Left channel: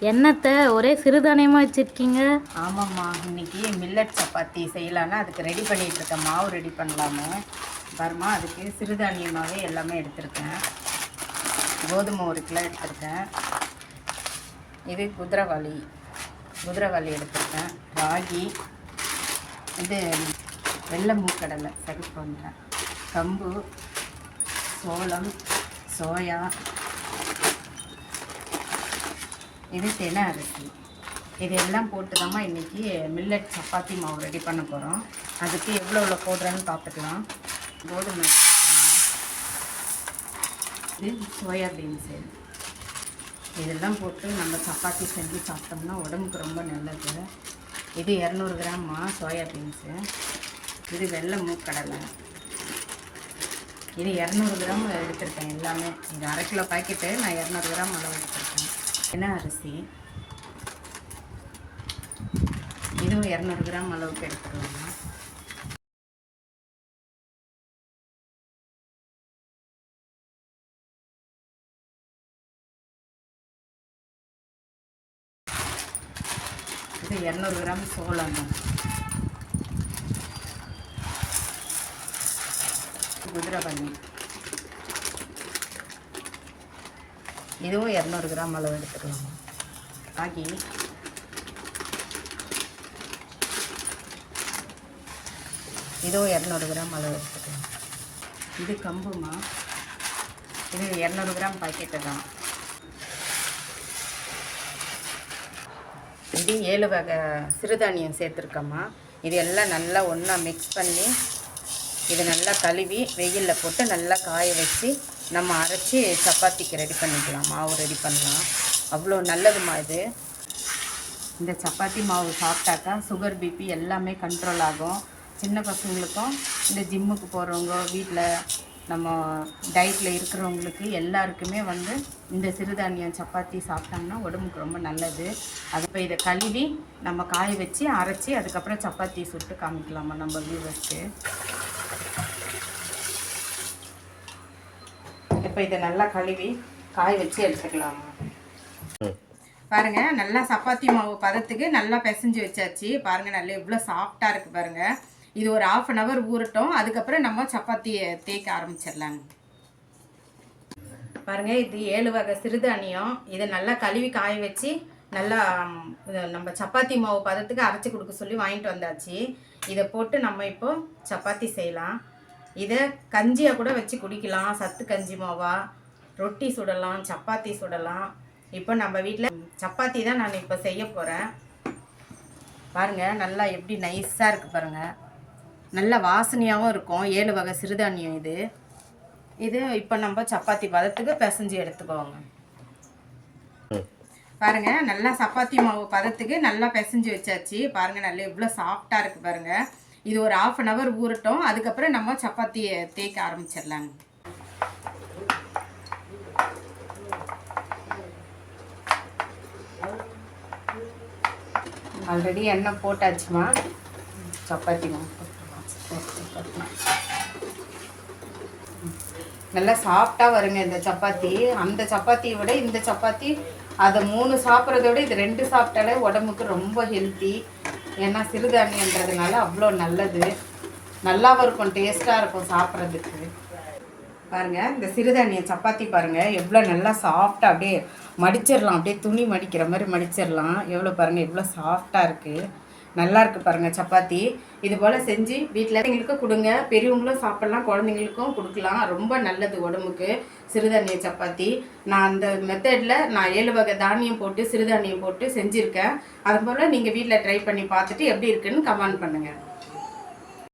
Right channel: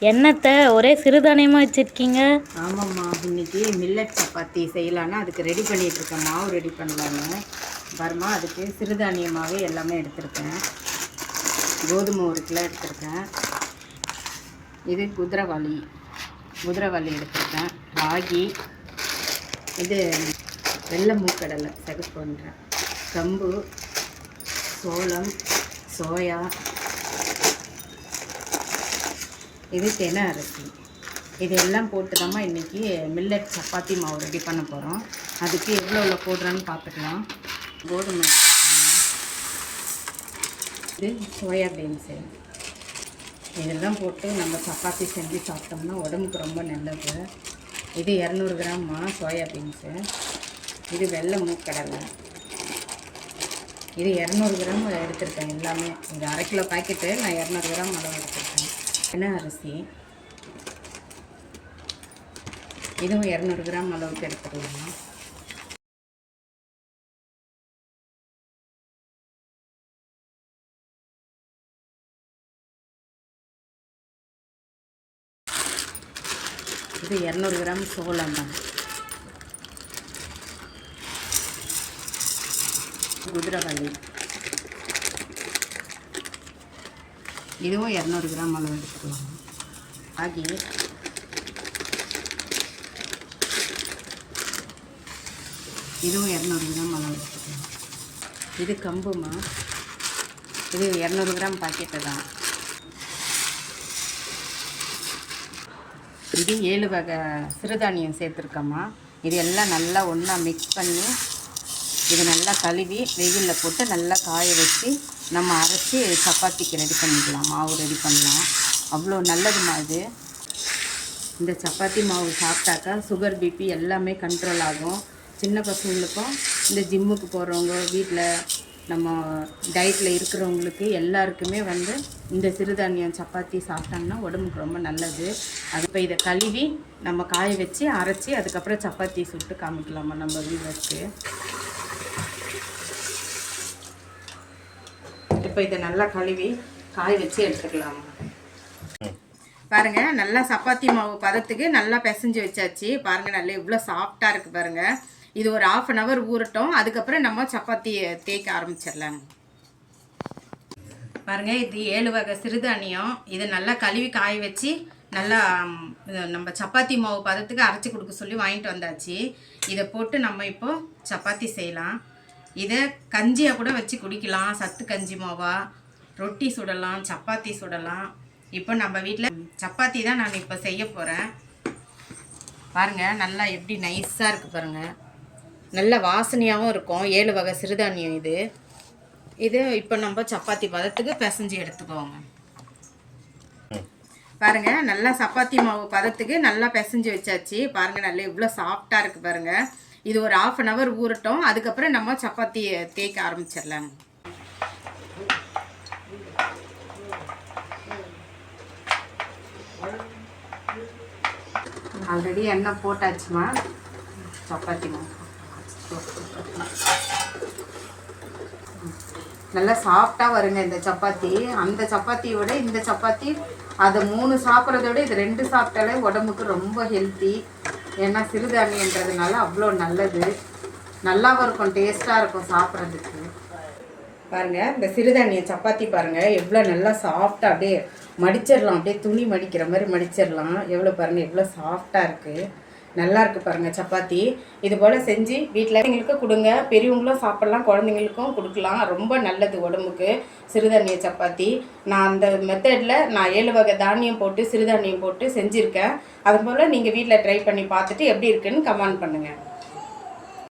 என்னத்தை ஒரே சிறுதானியமாக வச்சுருக்கீங்க? ஆமாம்மா. இன்னைக்கு மில்லட் சப்பாத்தி செய்யலான்னு அதுக்கு ரெடி பண்ணிகிட்டு இருக்கேன். மாவு ரெடி பண்ணலான்னு பாருமா அதுக்கு சிறுதானியமாகவே எல்லாமே எடுத்திருக்கேன். கோதுமை ஒரு கிலோ எடுத்திருக்கேன். இது குதிரைவாளி குதிரவாளி எடுத்திருக்கேன். ராகி இது வெள்ளை மூக்கடலை சரி பண்ணுறேன் கம்பு சோளம் சோயா இது தென அரிசி. இதெல்லாம் போட்டு தாம்மா இன்றைக்கி மில்லட் சப்பாத்தி மாவு ரெடி பண்ண போகிறோம் அதுக்கு எவ்வளோ எவ்வளோ போடுறோன்னு பார்த்துக்கலாம் கோதுமை இது சோயா பீன்ஸு இதெல்லாம் போட்டு நம்ம சப்பாத்தி செஞ்சு சாப்பிட்டோம்னா உடம்புக்கு ரொம்ப நல்லது. இது இரநூறு கிராம்மா சோயா பீன்ஸு இது வெள்ளை மூக்கடலை. இது இரநூறு கிராம் எடுத்திருக்கேன் எல்லாமே. இது அரை கிலோ பாக்கெட்டு நான் இரநூறு கிராம் அளவு எடுத்திருக்கேன். என்ன அரிசி. இதுவும் இரநூறு கிராம் அளவுக்கு எடுத்துக்கலாம். இது இரநூறு கிராம் சோளம் தான். குதிரைவாளி இதுவும் இரநூறு கிராம் அளவு எடுத்துக்கலாம். ஆகி இதுவும் இரநூறு கிராம் அளவு எடுத்துக்கலாம். இது கம்புமா? இது இரநூறு கிராம் பாக்கெட்டு தான். இது ஏழு வகை சிறுதானியம் சேர்த்துருக்கோம்மா இது எல்லாம் நல்லா ஒன்றா மிக்ஸ் பண்ணி இது நல்லா கழுவி வெயிலில் போட்டு நல்லா காய வச்சு நம்ம அரைச்சி சப்பாத்திக்கு ரெடி பண்ணிக்கலாம். மாவு ரெடி பண்ணலாம். அவ்வளோ நல்லதுமா இது. இந்த சப்பாத்தி மாவு சாப்பிட்டாக்கா சுகர் பிபி எல்லாமே கண்ட்ரோல் ஆகும். சின்ன பசங்களுக்கும் இந்த ஜிம்முக்கு போகிறவங்க வீட்டில் நம்ம டயட்டில் இருக்கிறவங்களுக்கு எல்லாருக்குமே வந்து இந்த சிறுதானியம் சப்பாத்தி சாப்பிட்டோம்னா உடம்புக்கு ரொம்ப நல்லது. அது இப்போ இதை கழுவி நம்ம காய வச்சு அரைச்சி அதுக்கப்புறம் சப்பாத்தி சுட்டு காமிக்கலாமா நம்ம வியூவர்ஸ்க்கு இப்போ இதை நல்லா கழுவி காய வச்சு எடுத்துக்கலாமா. பாருங்க நல்லா சப்பாத்தி மாவு பதத்துக்கு நல்லா பிசைஞ்சு வச்சாச்சு. பாருங்க நல்லா எவ்வளோ சாஃப்டாக இருக்கு பாருங்க. இது ஒரு ஆஃப் அன் ஹவர் ஊறட்டும். அதுக்கப்புறம் நம்ம சப்பாத்தியை தேய்க்க ஆரம்பிச்சிடலாங்க. பாருங்க இது ஏழு வகை சிறுதானியம் இதை நல்லா கழுவி காய வச்சு நல்லா நம்ம சப்பாத்தி மாவு பதத்துக்கு அரைச்சி கொடுக்க சொல்லி வாங்கிட்டு வந்தாச்சு. இதை போட்டு நம்ம இப்போ சப்பாத்தி செய்யலாம். இதை கஞ்சியாக கூட வச்சு குடிக்கலாம். சத்து கஞ்சி மாவா? ரொட்டி சுடலாம் சப்பாத்தி சுடலாம். இப்போ நம்ம வீட்டில் சப்பாத்தி தான் நான் இப்போ செய்ய போகிறேன் பாருங்கள் நல்லா எப்படி நைஸாக இருக்குது பாருங்கள் நல்ல வாசனையாகவும் இருக்கும். ஏழு வகை சிறுதானியம் இது. இது இப்போ நம்ம சப்பாத்தி பதத்துக்கு பிசைஞ்சு எடுத்துக்கோங்க. பாருங்க நல்லா சப்பாத்தி மாவு பதத்துக்கு நல்லா பிசைஞ்சு வச்சாச்சு. பாருங்க நல்லா இவ்வளோ சாஃப்டாக இருக்குது பாருங்கள் இது ஒரு ஆஃப் அன் ஹவர் ஊறட்டும். அதுக்கப்புறம் நம்ம சப்பாத்தியை தேய்க்க ஆரம்பிச்சிடலாங்க. ஆல்ரெடி எண்ணெய் போட்டாச்சுமா? சப்பாத்திமா நல்லா சாஃப்டாக வருங்க இந்த சப்பாத்தி. அந்த சப்பாத்தியை விட இந்த சப்பாத்தி அதை மூணு சாப்பிட்றத விட இது ரெண்டு சாப்பிட்டாலே உடம்புக்கு ரொம்ப ஹெல்த்தி ஏன்னா சிறுதானியன்றதுனால அவ்வளோ நல்லது. நல்லாவும் இருக்கும் டேஸ்ட்டாக இருக்கும் சாப்பிட்றதுக்கு. பாருங்கள் இந்த சிறுதானிய சப்பாத்தி பாருங்கள் எவ்வளோ நல்லா சாஃப்டாக அப்படியே மடிச்சிடலாம். அப்படியே துணி மடிக்கிற மாதிரி மடிச்சிடலாம். எவ்வளோ பாருங்கள் எவ்வளோ சாஃப்டாக இருக்குது நல்லா இருக்கு பாருங்க சப்பாத்தி. இது போல் செஞ்சு வீட்டில் எங்களுக்கு கொடுங்க. பெரியவங்களும் சாப்பிட்லாம் குழந்தைங்களுக்கும் கொடுக்கலாம். ரொம்ப நல்லது உடம்புக்கு. சிறுதானிய சப்பாத்தி. நான் அந்த மெத்தடில் நான் ஏழு வகை தானியம் போட்டு சிறுதானியம் போட்டு செஞ்சுருக்கேன். அது போல் நீங்கள் வீட்டில் ட்ரை பண்ணி பார்த்துட்டு எப்படி இருக்குன்னு கமெண்ட் பண்ணுங்கள்